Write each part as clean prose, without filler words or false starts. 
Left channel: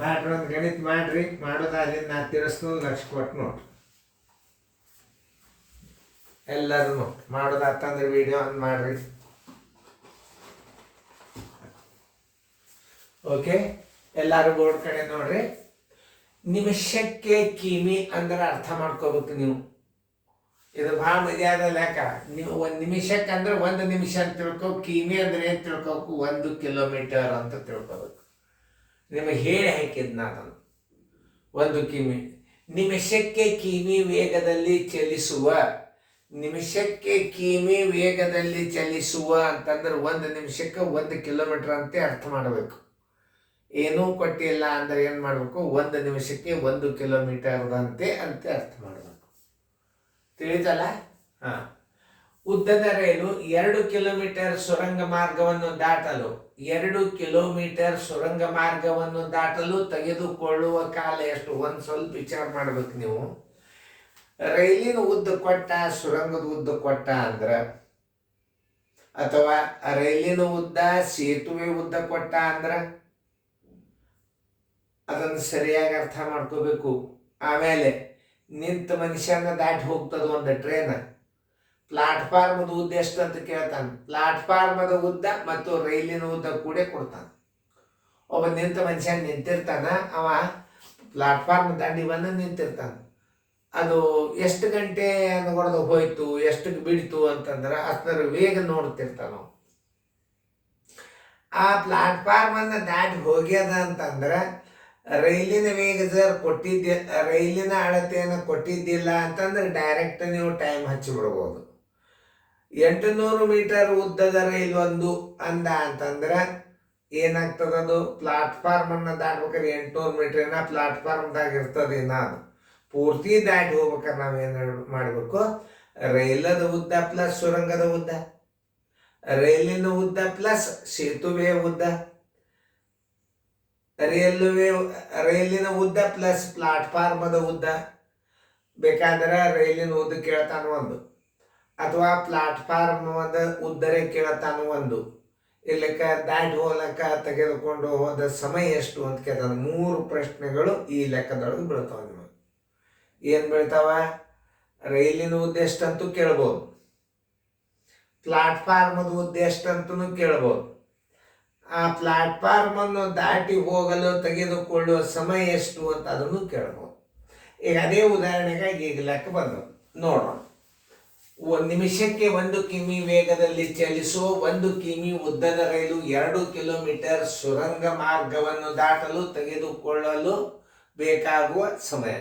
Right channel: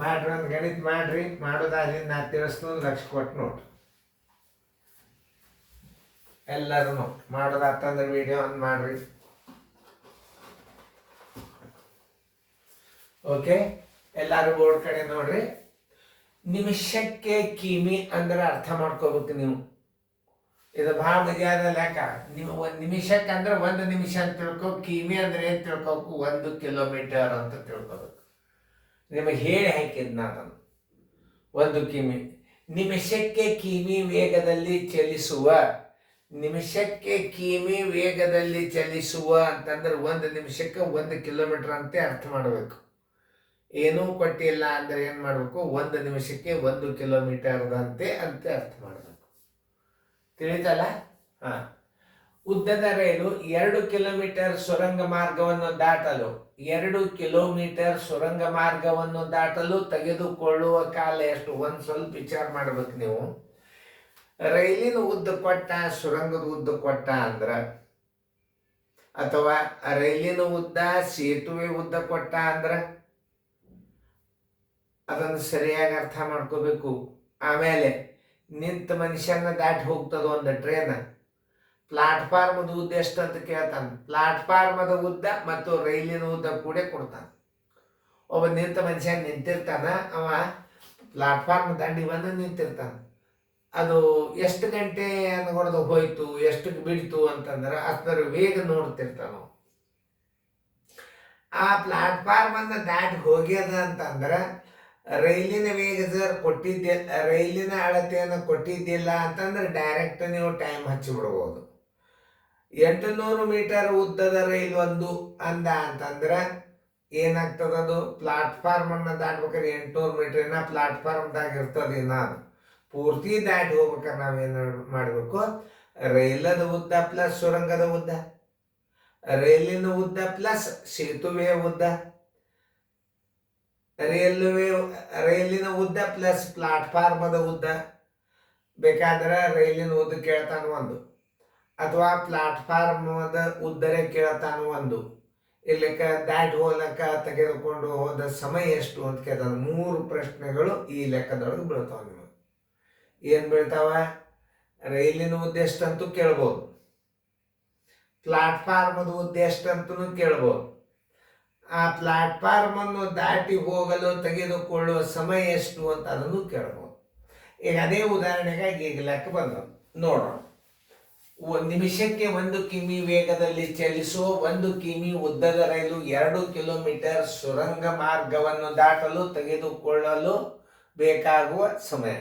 ಮಾಡ್ರಿ, ಒಂದು ಗಣಿತ ಮಾಡಿರಿ. ಮಾಡೋದಾಗಲಿ ನಾ ತಿಳಿಸ್ನೋದು ಲಕ್ಷ ಕೊಟ್ಟು ನೋಡ್ರಿ. ಎಲ್ಲರೂ ನೋಡಿ ಮಾಡೋದಾತಂದ್ರೆ ವಿಡಿಯೋ ಒಂದು ಮಾಡಿರಿ. ಓಕೆ, ಎಲ್ಲರೂ ಬೋರ್ಡ್ ಕಡೆ ನೋಡ್ರಿ. ನಿಮಿಷಕ್ಕೆ ಕಿಮಿ ಅಂದ್ರೆ ಅರ್ಥ ಮಾಡ್ಕೋಬೇಕು ನೀವು. ಇದು ಭಾಳ ಮಜಾದ ಲೆಕ್ಕ. ನೀವು ಒಂದು ನಿಮಿಷಕ್ಕೆ ಅಂದ್ರೆ 1 ನಿಮಿಷ ಅಂತ ತಿಳ್ಕೊ. ಕಿಮಿ ಅಂದ್ರೆ ಏನು ತಿಳ್ಕೊಬೇಕು? 1 ಕಿಲೋಮೀಟರ್ ಅಂತ ತಿಳ್ಕೊಬೇಕು. ನಿಮಗೆ ಹೇಳಿ ಹಾಕಿದ್ ನಾನು 1 ಕಿಮಿ. ನಿಮಿಷಕ್ಕೆ ಕಿಮಿ ವೇಗದಲ್ಲಿ ಚಲಿಸುವ, ನಿಮಿಷಕ್ಕೆ ಕಿಮಿ ವೇಗದಲ್ಲಿ ಚಲಿಸುವ ಅಂತಂದ್ರೆ 1 ನಿಮಿಷಕ್ಕೆ 1 ಕಿಲೋಮೀಟರ್ ಅಂತ ಅರ್ಥ ಮಾಡಬೇಕು. ಏನೂ ಕೊಟ್ಟಿಲ್ಲ ಅಂದ್ರೆ ಏನು ಮಾಡಬೇಕು? 1 ನಿಮಿಷಕ್ಕೆ 1 ಕಿಲೋಮೀಟರ್ದಂತೆ ಅಂತ ಅರ್ಥ ಮಾಡಬೇಕು. ತಿಳಿತಲ್ಲ? ಹಾಂ. ಉದ್ದದ ರೈಲು 2 ಕಿಲೋಮೀಟರ್ ಸುರಂಗ ಮಾರ್ಗವನ್ನು ದಾಟಲು 2 ಕಿಲೋಮೀಟರ್ ಸುರಂಗ ಮಾರ್ಗವನ್ನು ದಾಟಲು ತೆಗೆದುಕೊಳ್ಳುವ ಕಾಲ ಎಷ್ಟು? ಒಂದು ಸ್ವಲ್ಪ ವಿಚಾರ ಮಾಡ್ಬೇಕು ನೀವು. ರೈಲಿನ ಉದ್ದ ಕೊಟ್ಟ, ಸುರಂಗದ ಉದ್ದ ಕೊಟ್ಟ ಅಂದ್ರೆ, ಅಥವಾ ರೈಲಿನ ಉದ್ದ ಸೇತುವೆ ಉದ್ದ ಕೊಟ್ಟ ಅಂದ್ರೆ ಅದನ್ನು ಸರಿಯಾಗಿ ಅರ್ಥ ಮಾಡ್ಕೋಬೇಕು. ಆಮೇಲೆ ನಿಂತ ಮನುಷ್ಯನ ದಾಟಿ ಹೋಗ್ತದ ಒಂದು ಟ್ರೈನ್. ಪ್ಲಾಟ್ಫಾರ್ಮದ ಉದ್ದ ಎಷ್ಟು ಅಂತ ಕೇಳ್ತಾನೆ. ಪ್ಲಾಟ್ಫಾರ್ಮದ ಉದ್ದ ಮತ್ತು ರೈಲಿನ ಉದ್ದ ಕೂಡ ಕೊಡ್ತಾನೆ. ಒಬ್ಬ ನಿಂತ ಮನುಷ್ಯ ನಿಂತಿರ್ತಾನ, ಅವ ಪ್ಲಾಟ್ಫಾರ್ಮ್ ದಂಡಿ ಬಂದು ನಿಂತಿರ್ತಾನೆ. ಅದು ಎಷ್ಟು ಗಂಟೆ ಅನ್ಕೊಡ್ದು ಹೋಯ್ತು, ಎಷ್ಟು ಬಿಡ್ತು ಅಂತಂದ್ರೆ ಅಷ್ಟರ ವೇಗ ನೋಡ್ತಿರ್ತಾನ. ಆ ಪ್ಲಾಟ್ಫಾರ್ಮನ್ನು ದಾಟಿ ಹೋಗ್ಯದ ಅಂತಂದ್ರೆ ರೈಲಿನ ವೇಗ ಸರ್ ಕೊಟ್ಟಿದ್ದೆ, ರೈಲಿನ ಅಳತೆಯನ್ನು ಕೊಟ್ಟಿದ್ದಿಲ್ಲ ಅಂತಂದ್ರೆ ಡೈರೆಕ್ಟ್ ನೀವು ಟೈಮ್ ಹಚ್ಚಿಬಿಡ್ಬೋದು. 800 ಮೀಟರ್ ಉದ್ದದ ರೈಲು ಒಂದು ಅಂತಂದ್ರೆ ಏನಾಗ್ತದದು? ಪ್ಲಾಟ್ಫಾರ್ಮನ್ನು ದಾಟ್ಬೇಕಾದ್ರೆ 800 ಮೀಟರ್ನ ಪ್ಲಾಟ್ಫಾರ್ಮ್ದಾಗ ಇರ್ತದೆ. ಅದು ಪೂರ್ತಿ ದಾಟಿ ಹೋಗ್ಬೇಕಾದ್ರೆ ನಾವೇನು ಮಾಡಬೇಕು? ರೈಲದ ಉದ್ದ ಪ್ಲಸ್ ಸುರಂಗದ ಉದ್ದ, ರೈಲಿನ ಉದ್ದ ಪ್ಲಸ್ ಸೇತುವೆಯ ಉದ್ದ, ರೈಲಿನ ಉದ್ದ ಪ್ಲಸ್ ಪ್ಲಾಟ್ಫಾರ್ಮದ ಉದ್ದ. ಬೇಕಾದ್ರೆ ರೈಲಿನ ಉದ್ದ ಕೇಳ್ತಾನು ಒಂದು, ಅಥವಾ ಪ್ಲಾಟ್ಫಾರ್ಮದ ಉದ್ದರೇ ಕೇಳ್ತಾನು ಒಂದು. ಇಲ್ಲಕ್ಕ ದಾಟಿ ಹೋಗ್ಲಕ್ಕ ತೆಗೆದುಕೊಂಡು ಹೋದ ಸಮಯ ಎಷ್ಟು ಅಂತ ಕೇಳ್ತಾನೆ. 3 ಪ್ರಶ್ನೆಗಳು ಈ ಲೆಕ್ಕದೊಳಗೆ ಬೀಳ್ತಾವ. ನಿಮಗೆ ಏನು ಬೀಳ್ತಾವ? ರೈಲಿನ ಉದ್ದ ಎಷ್ಟಂತೂ ಕೇಳ್ಬೋದು, ಪ್ಲಾಟ್ಫಾರ್ಮದ ಉದ್ದ ಎಷ್ಟಂತೂ ಕೇಳ್ಬೋದು, ಆ ಪ್ಲಾಟ್ಫಾರ್ಮನ್ನು ದಾಟಿ ಹೋಗಲು ತೆಗೆದುಕೊಳ್ಳುವ ಸಮಯ ಎಷ್ಟು ಅಂತ ಅದನ್ನು ಕೇಳ್ಬೋದು. ಈಗ ಅದೇ ಉದಾಹರಣೆಗಾಗಿ ಈಗ ಲೆಕ್ಕ ಬಂದವು ನೋಡೋಣ. ನಿಮಿಷಕ್ಕೆ 1 ಕಿಮಿ ವೇಗದಲ್ಲಿ ಚಲಿಸುವ 1 ಕಿಮಿ ಉದ್ದದ ರೈಲು 2 ಕಿಲೋಮೀಟರ್ ಸುರಂಗ ಮಾರ್ಗವನ್ನು ದಾಟಲು ತೆಗೆದುಕೊಳ್ಳಲು ಬೇಕಾಗುವ ಸಮಯ.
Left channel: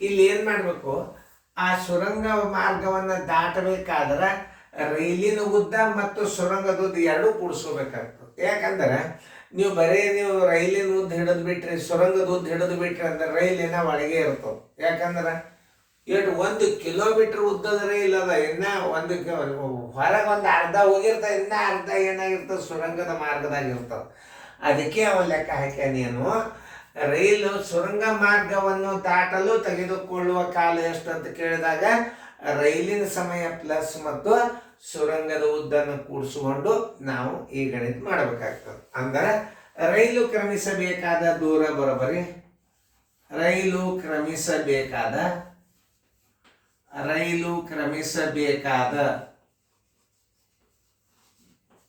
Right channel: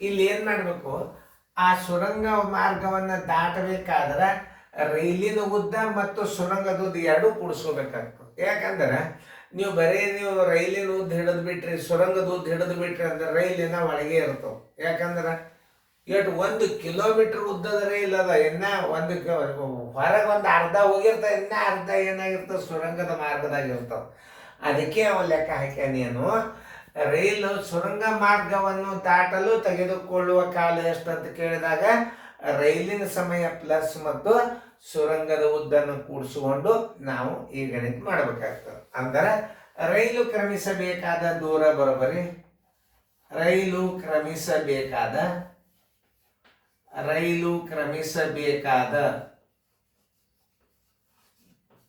ಇಲ್ಲಿ ಏನು ಮಾಡಬೇಕು? ಆ ಸುರಂಗ ಮಾರ್ಗವನ್ನು ದಾಟಬೇಕಾದ್ರೆ ರೈಲಿನ ಉದ್ದ ಮತ್ತು ಸುರಂಗದ ಉದ್ದ ಎರಡೂ ಕೂಡಿಸ್ಕೋಬೇಕಾಗ್ತದೆ. ಯಾಕಂದ್ರೆ ನೀವು ರೈಲಿನ ಉದ್ದ ಹಿಡಿದು ಬಿಟ್ರಿ, ಸುರಂಗದ ಉದ್ದ ಹಿಡಿದು ಬಿಟ್ರಿ ಅಂದ್ರೆ ರೈಲಿನ ಒಳಗೆ ಇರ್ತವೆ. ಯಾಕಂದ್ರೆ 1 ಕಿಲೋಮೀಟರ್ ಉದ್ದದ ರೈಲ್ ಅದ, ಇನ್ನ ಹೊರಗೆ ಒಂದು ಅರ್ಧ ಹೋಗಿರ್ತದೆ, ಇನ್ನ ಅರ್ಧ ಏನಾಗಿರ್ತದೆ? ಸುರಂಗದ ಮಾರ್ಗದಾಗ ಇರ್ತದೆ. ಅದಕ್ಕೆ ಅವನು ಲೆಕ್ಕ ಹಾಕ್ಯಾನೇನು, ರೈಲು ಸುರಂಗ ಮಾರ್ಗವನ್ನು ದಾಟಲು ತೆಗೆದುಕೊಳ್ಳುವ ಕಾಲ ಎಷ್ಟು ಅಂತ ಕೇಳಿದಾಗ ರೈಲಿನ ಸಮಯ ಪ್ಲಸ್ ಮತ್ತು ಸುರಂಗದ ಉದ್ದನ್ನು ಕೂಡಿಸಿಕೊಂಡು ನಾವು ಈ ಗಣಿತ ಮಾಡಬೇಕಾಗ್ತದೆ. ಅಂದರೆ ರೈಲು ಕ್ರಮಿಸಬೇಕಾದ ದೂರ ಬರೋಬ್ಬರಿ, ರೈಲು ಕ್ರಮಿಸಬೇಕಾದ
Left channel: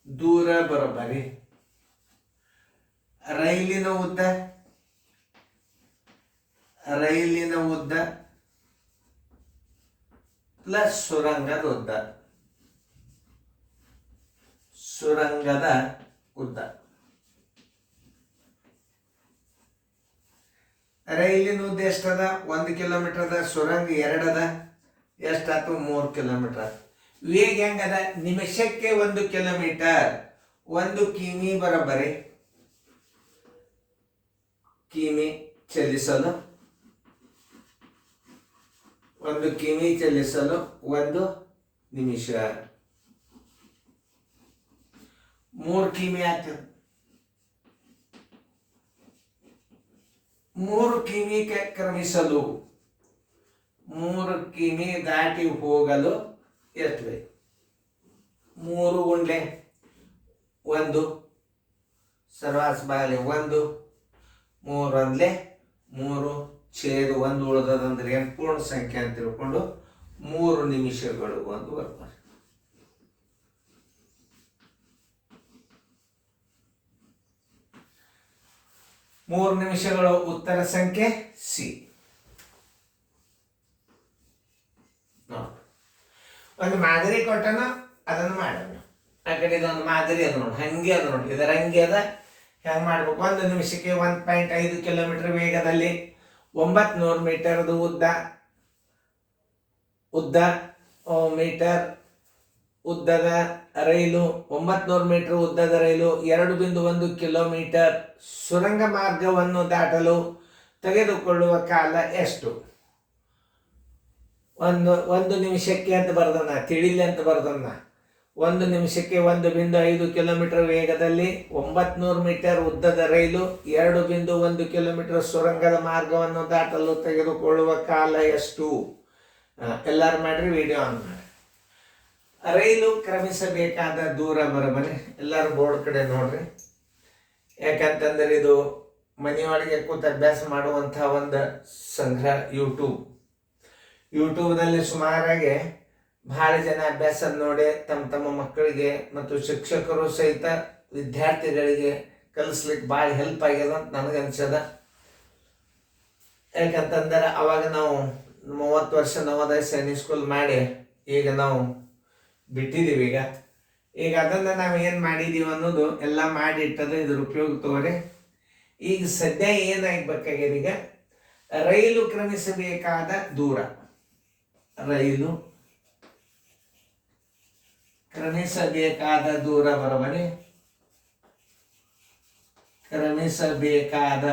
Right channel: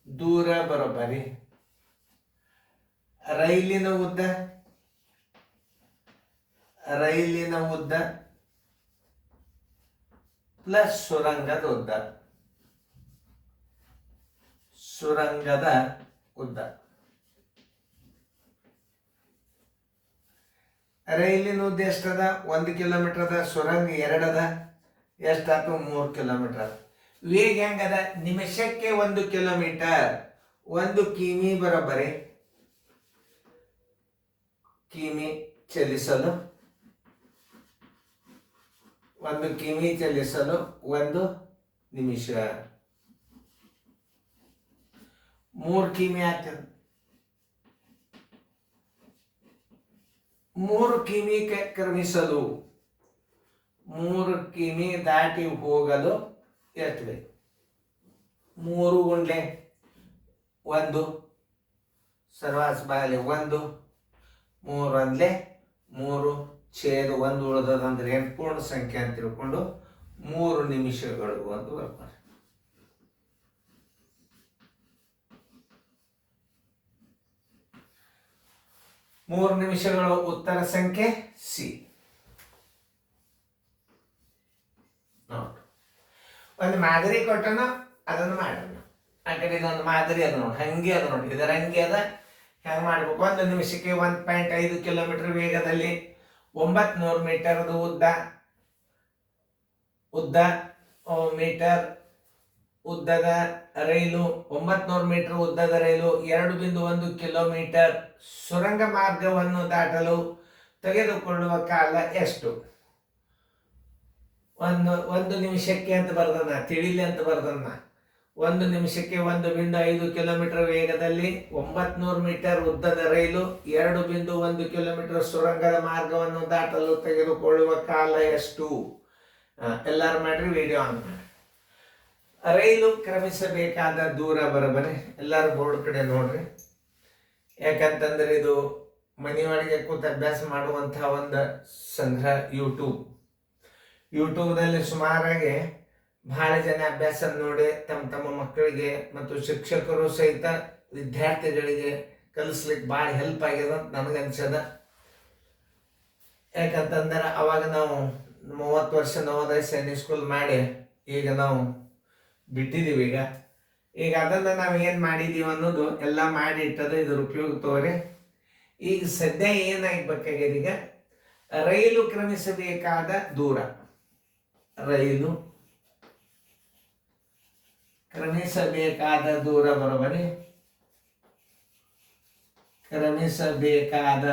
ದೂರ ಬರೋಬ್ಬರಿ ರೈಲಿನ ಉದ್ದ ಪ್ಲಸ್ ಸುರಂಗದ ಉದ್ದ. ರೈಲಿನ ಉದ್ದ ಎಷ್ಟದ? 1 ಕಿಲೋಮೀಟರ್ ಅದ, ಸುರಂಗ 2 ಅದ, ಎಷ್ಟಾಯ್ತು? 3 ಕಿಲೋಮೀಟರ್. ವೇಗ ಹೆಂಗದ? ನಿಮಿಷಕ್ಕೆ 1 ಕಿಲೋಮೀಟರ್, 1 ಕಿಮಿ ಬರೋಬ್ಬರಿ ಕಿಮಿ ಚಲಿಸಲು 1 ಕಿಮಿ ಚಲಿಸಲು 1 ನಿಮಿಷ. 3 ಕಿಮಿ ಆಗ್ತದೆ. 3 ಕಿಮಿ ಕ್ರಮಿಸಲು, 3 ಕಿಮಿ ದಾಟಿ ಹೋಗಲು ಎಷ್ಟು ಬೇಕು? 3 ಗುಂಡ್ಲೆ 1 ಸರ್ವಾಸ ಬಾಗಲಿ 1 3 ಒಂದ್ಲೆ 3 ಛೇದ 1 ಉಳಿದದಂದ್ರೆ ಏನು ಪೂರ್ಣ ಸಂಖ್ಯೆ ಅಂತ ತಿಳ್ಕೊಂಡು 3 ನಿಮಿಷಗಳು ಅಂತ ಬರ್ತಾರೆ. 3 ನಿಮಿಷಗಳು ಉತ್ತರ ಸಂಖ್ಯೆ ಸಿ. ಒಂದು ಮಾದರಿ ಕೊಟ್ಟನ ಅದನ್ನು ಮಾಡೋಣ. ಆ ಕಡೆ ಇದೊಂದು ಮಾದರಿ ಅದ ನೋಡಿ, ಹಂಗೆ ಅದ ನೋಡಿ, ಇದರ ಹಂಗೆ ಅದ. ಹೆಂಗೆ ಮಾಡ್ಬೇಕು? 1 ನಿಮಿಷಕ್ಕೆ 1.5 ಕಿಲೋಮೀಟರ್ ವೇಗದಲ್ಲಿ 900 ಮೀಟರ್ದು ಮೀಟರ್ ಉದ್ದದ ರೈಲು, 900 ಮೀಟರ್ ಉದ್ದದ ರೈಲು 2.1 ಕಿಲೋಮೀಟರ್ ಸುರಂಗ ಮಾರ್ಗವನ್ನು ದಾಟಲು ತೆಗೆದುಕೊಳ್ಳುವ ಕಾಲ ಎಷ್ಟು? ಒಂದು ನಿಮಿಷಕ್ಕೆ ಅಂತ ಬರ್ದನ್ನ, ತಿಳಿಲಿ ಅಂತ ಬರ್ದನ್ನ. 1 ನಿಮಿಷಕ್ಕೆ 1.5 ಕಿಲೋಮೀಟರ್ ವೇಗದಲ್ಲಿ 900 ಮೀಟರ್ ಉದ್ದದ ರೈಲು 2.1 ಕಿಲೋಮೀಟರ್ ಸುರಂಗದ ಮಾರ್ಗವನ್ನು ದಾಟಲು ತೆಗೆದುಕೊಳ್ಳುವ ಕಾಲ ಎಷ್ಟು? ಎಲ್ಲರೂ ಮಾಡ್ರಿ, ವಿಡಿಯೋ ಆನ್ ಮಾಡಿ. ರೈಲು ಕ್ರಮಿಸಬೇಕಾದ ದೂರ ಬರೋಬರಿ ಎಲ್ಲರೂ ಬೋರ್ಡ್ ಕಡೆ ನೋಡ್ರಿ. ಯಾಕಂತಂದ್ರೆ ಇದು ಮನೆಯೊಳಗೆ ಕೂತು ಅಭ್ಯಾಸ ಮಾಡುವಂತಹ ಒಂದು ಸಂಗ್ರಹ. ಯೂಟ್ಯೂಬ್ನಲ್ಲಿ ಸುಮಾರಾಗಿ ಬಹಳ ಜನ ಅಭ್ಯಾಸ ನೋಡಿ ತಮ್ಮ ಮಕ್ಕಳಿಗೆ ಮತ್ತು ಶಿಕ್ಷಕರು ಸಹಿತ ವಿದ್ಯಾರ್ಥಿಗಳಿಗೆ ಕಲಿಸ್ಲಿಕ್ಕೆ ಭಾಳ ಹೆಲ್ಪ್ ಆಗ್ಯದ ಅಂತ ನನಗನ್ಸದ. ಯಾಕಂತಂದ್ರೆ ಅವಾಗ ನಾವು 30 ವರ್ಷ ನವೋದಯ ಸೈನಿಕ್ ಸ್ಕೂಲ್ ಮಾಡಿ ಈಗ ನಾವು ಬಿಟ್ಟಿದ್ದೀವಿ. ಈಗ ಅದನ್ನು ನಾವು ಏನು ಮಾಡಿದ್ದೀವಿ ಅನ್ನೋದು ಎಲ್ಲ ಮಾಡಿ ಇಟ್ಟದು, ಇದ್ರ ಉಪಯೋಗ ತಗೋರಿ. ಈಗ ಸದ್ಯ ಏನಾಗಬೇಕಾಗ್ಯದ, ಈಗ ರೈಲು ಕ್ರಮಿಸಬೇಕಾದ ದೂರ, ರೈಲು ಕ್ರಮಿಸಬೇಕಾದ ದೂರ ಬರೋಬರಿ. ಕ್ರಮಿಸಬೇಕಾದ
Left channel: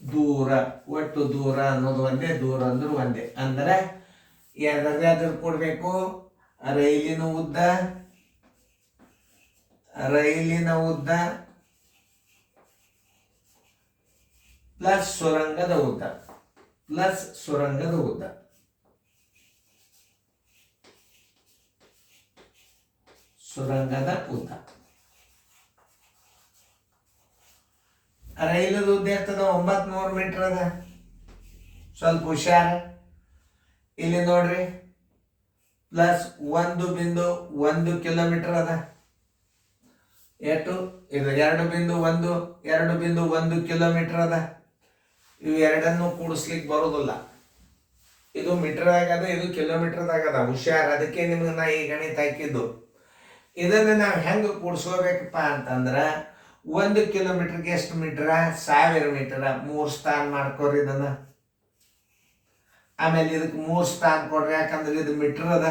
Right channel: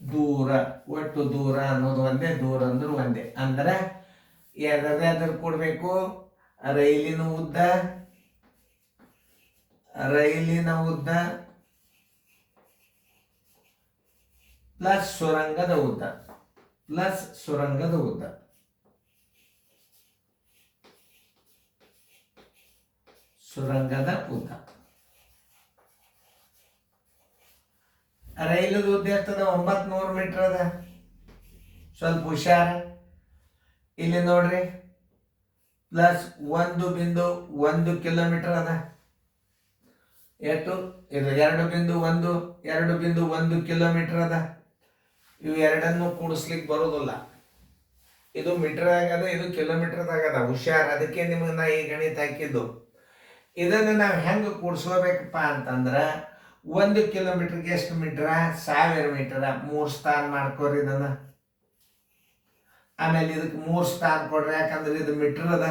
ದೂರ, ಒಟ್ಟು ದೂರ ಅನ್ನೋದು ಒಂದೇ, ದೂರ ಅಂದ್ರೆ ಒಂದೇ. ಅಂದ್ರೆ ಯಾವ್ದಾದ್ರು ಕೊಡಬೇಕು? ರೈಲಿನ ಉದ್ದ ಪ್ಲಸ್ ಸುರಂಗದ ಉದ್ದ. ರೈಲದ ಉದ್ದ ಇರ್ತದ 900 ಮೀಟರ್ ಅದ. ಸ್ವಲ್ಪ ಹುಷಾರ, ಇಲ್ಲಿ ನೋಡ್ರಿ, ಪ್ಲಸ್ 1.1 ಕಿಲೋಮೀಟರ್ ಅದ. ಎಷ್ಟು? ಇದು 2.1 ಕಿಲೋಮೀಟರ್ ಅದ. ಇವು ಎರಡನ್ನು ಕೂಡಿಸ್ಲಿಕ್ಕೆ ಬರೋದಿಲ್ಲ. ಇದು ಮೀಟರ್ದಾಗ ಅದ, ಇದು ಕಿಲೋಮೀಟರ್ದಾಗ ಅದ. ಹುಷಾರ್, ಅದಕ್ಕೆ ನಿಮ್ಗೆ ನಾ ಈ ಗಣಿತ ಹಾಕಿದ್ದು. ಇದನ್ನು ನಾವು ಹೆಂಗೆ ಕೂಡಿಸ್ಕೋಬೇಕಪ್ಪ ಅಂತಂದ್ರೆ, 1 ಕಿಲೋಮೀಟರ್ಗೆ ಎಷ್ಟು ಮೀಟರ? 1000 ಮೀಟರ. 3 ಸ್ಥಾನ ಮಾಡ್ಕೋರಿ ಇದನ್ನ. ಆಮೇಲೆ ಇದಕ್ಕೆ 3 ಸ್ಥಾನ ಕೊಡ್ರಿ, ಯಾಕಂದ್ರೆ ಇದು ಮೀಟರ್ ಅದ.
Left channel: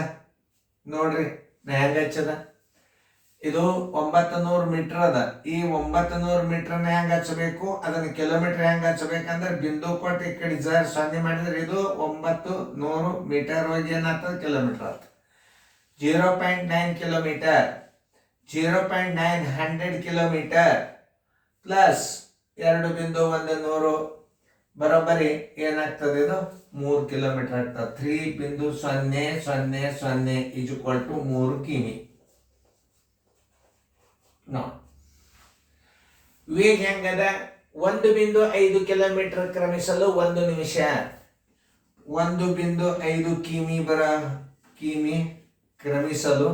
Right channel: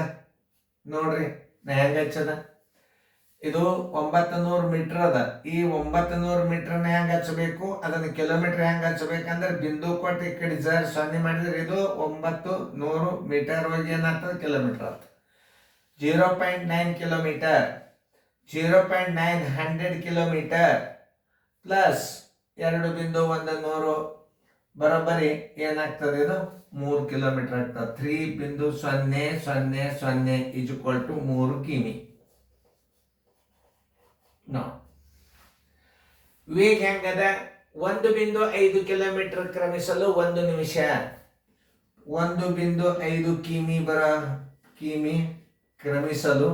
ನೋಡ್ರಿ ನಾ ಹೆಂಗ ಹಚ್ಚದ. ಇದು 900 ಮೀಟರ್ ಅದ. ಈ 900 ಮೀಟರ್ನ ಹೆಂಗ ಹಚ್ಚಬೇಕು? ಅದನ್ನ ಕಿಲೋಮೀಟರ್ ಹೆಂಗ ಹಚ್ಚಬೇಕಂದ್ರೆ ಬಿಂದು ಕೊಟ್ಟು ಈ ಕಡೆ 0 ಮಾಡಿದ್ರೆ ಇದು 900 ಮೀಟರ್ ಹೋಗಿ ಏನಾಗ್ತದೆ? ಕಿಲೋಮೀಟರ್ ಆಗ್ತದೆ. 0.9 ಕಿಲೋಮೀಟರ್, 0.900 ಕಿಲೋಮೀಟರ್ ಪ್ಲಸ್ 2.1 ಬರೋಬ್ಬರಿ ಏನಾಗ್ತದೆ? ಇದು 3 ಕಿಲೋಮೀಟರ್ ಆಗ್ತದೆ. 3.000 = 3 ಕಿಮಿ. ವೇಗ ಹೆಂಗದ? 1.5 ಕಿಲೋಮೀಟರ್ ಕ್ರಮಿಸಲು 1 ನಿಮಿಷ. 1.5 ಕಿಮಿ ಕ್ರಮಿಸಲು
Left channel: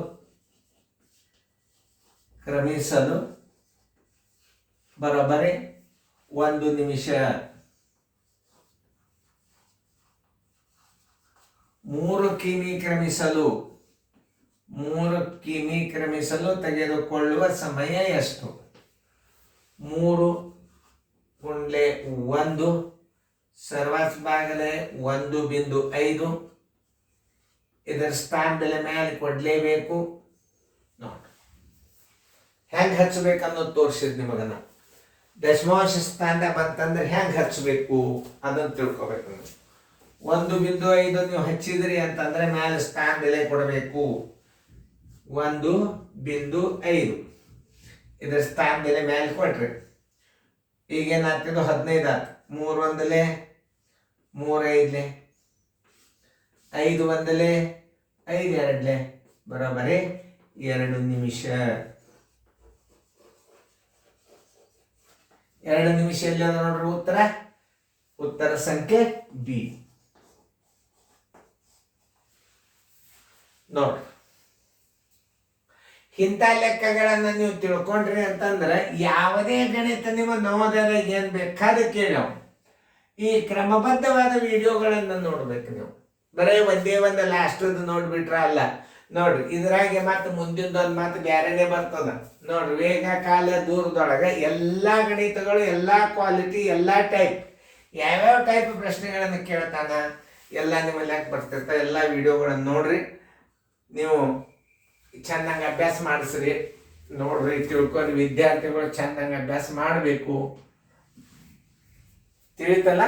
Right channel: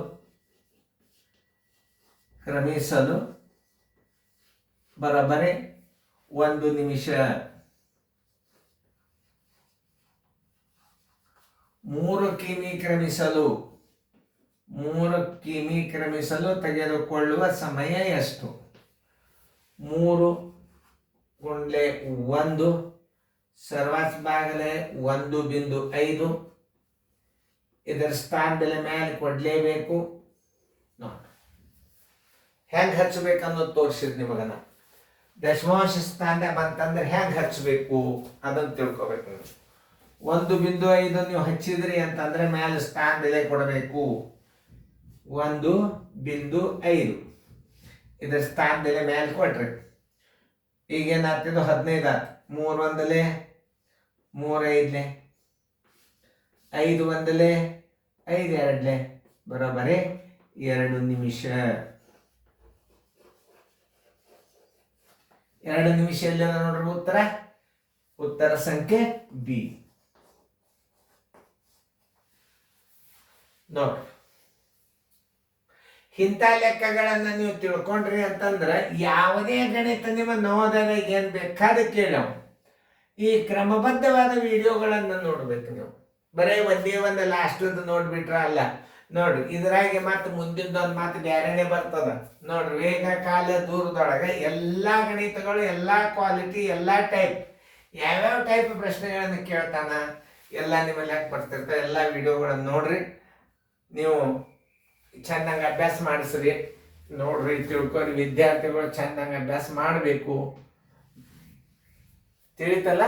ಬರೋಬ್ಬರಿ 1 ನಿಮಿಷ. 3 ಕಿಮಿ ಕ್ರಮಿಸಲು ತೆಗೆದುಕೊಳ್ಳುವ ಸಮಯ ಎಷ್ಟು? 3 × 1 ಸರ್ವಾಸ್ ಬಾಗಲೇ 1.5. ಇದರ ಸ್ಥಾನದಲ್ಲಿ ಮೇಲೆ ಕೊಡ್ಲೇಬೇಕು. ನೋಡಿ ಹೆಂಗೆ ಹಚ್ಚಬೇಕು ಅನ್ನೋದು ತೋರಿಸಿದ್ ನಿಮಗನ. ದಶಮಾಂಶ ಸ್ಥಾನದಾಗ ಬಂತಂದ್ರೆ ಹೆಂಗೆ ಹಚ್ಚಬೇಕು ಅದನ್ನು ತಿಳ್ಕೊಬೇಕು. 1.5 ನೀವು ಹಚ್ಚಿದ್ರಿ ಅಂತಂದ್ರೆ ಮೇಲೆ ಸ್ಥಾನ ಬೆಲೆ ಕೊಡಬೇಕು. 1.5 ಇದರ ಸ್ಥಾನ ಬೆಲೆ ಮೇಲೆ ಕೊಟ್ರಿ. ಈಗೇನಾಗ್ತಿದ್ದು 15 ಆಯ್ತು. 3 1 3 5 5 1 5 2 ಬರೋಬ್ಬರಿ 2 ನಿಮಿಷ. 2 ನಿಮಿಷ ಎಲ್ಲಿ ಅದ ನೋಡ್ರಿ ಉತ್ತರ ಸಂಖ್ಯೆ ಬಿ. ನೋಡ್ರಿ, ಇಂಥ ಲೆಕ್ಕಗಳನ್ನ ನೀವು ತಿಳ್ಕೊಂಡ್ರಿ ಅಂತಂದ್ರೆ ಯಾವುದೇ ಗಣಿತ ನಿಮ್ಮ ನವೋದಯದಾಗ ಏನ್ ಬೇಕಾದ ಕೇಳೋ ಈ ಕ್ರಮಬದ್ಧವಾದ ವಿಡಿಯೋಗಳನ್ನ ನೋಡ್ಬೇಕು ನೀವು. ಬರೀ ಒಂದೇ ಒಂದು ಲಾಸ್ಟದ್ದು ನೋಡ್ಬಿಟ್ರ ಅಲ್ಲ. ನೋಡ್ರಿ, ಇದ್ರಾಗೆ ಮತ್ತೆ ಮುಂದಿನ ಮಾತು ಬ್ಯಾರೆನೆ ಬರ್ತದ ನೋಡ್ರಿ. ವೇಗ ಕಾಲ ದೂರದೊಳಗೆ ಎಲ್ಲಾ ಗಣಿತಗಳು, ಎಲ್ಲಾ ಕ್ವಾಲಿಟಿ, ಎಲ್ಲಾ ಟೈಪ್, ಯಾವ್ಯಾವ ಟೈಪ್ ಪ್ರಶ್ನೆಗಳನ್ನು ಕೇಳ್ತಾನ ಎಲ್ಲ ನಿಮ್ಮಲ್ಲಿ ಯಾಕೆ ಬರ್ತಿರ್ತಾರೆ. ಎಲ್ಲ ವಿಡಿಯೋಗಳನ್ನು ನೋಡ್ರಿ, ನೀವು ಚೆನ್ನಾಗಿ ಅಭ್ಯಾಸ ಮಾಡಿಸ್ರಿ. ನೋಡ್ರಿ, ತಿಳ್ಕೊರಿ. ವಿದ್ಯಾರ್ಥಿಗಳು ಚೆನ್ನಾಗಿ ಅಭ್ಯಾಸ ಮಾಡಬೇಕು. ತಿಳಿತಲ್ಲ?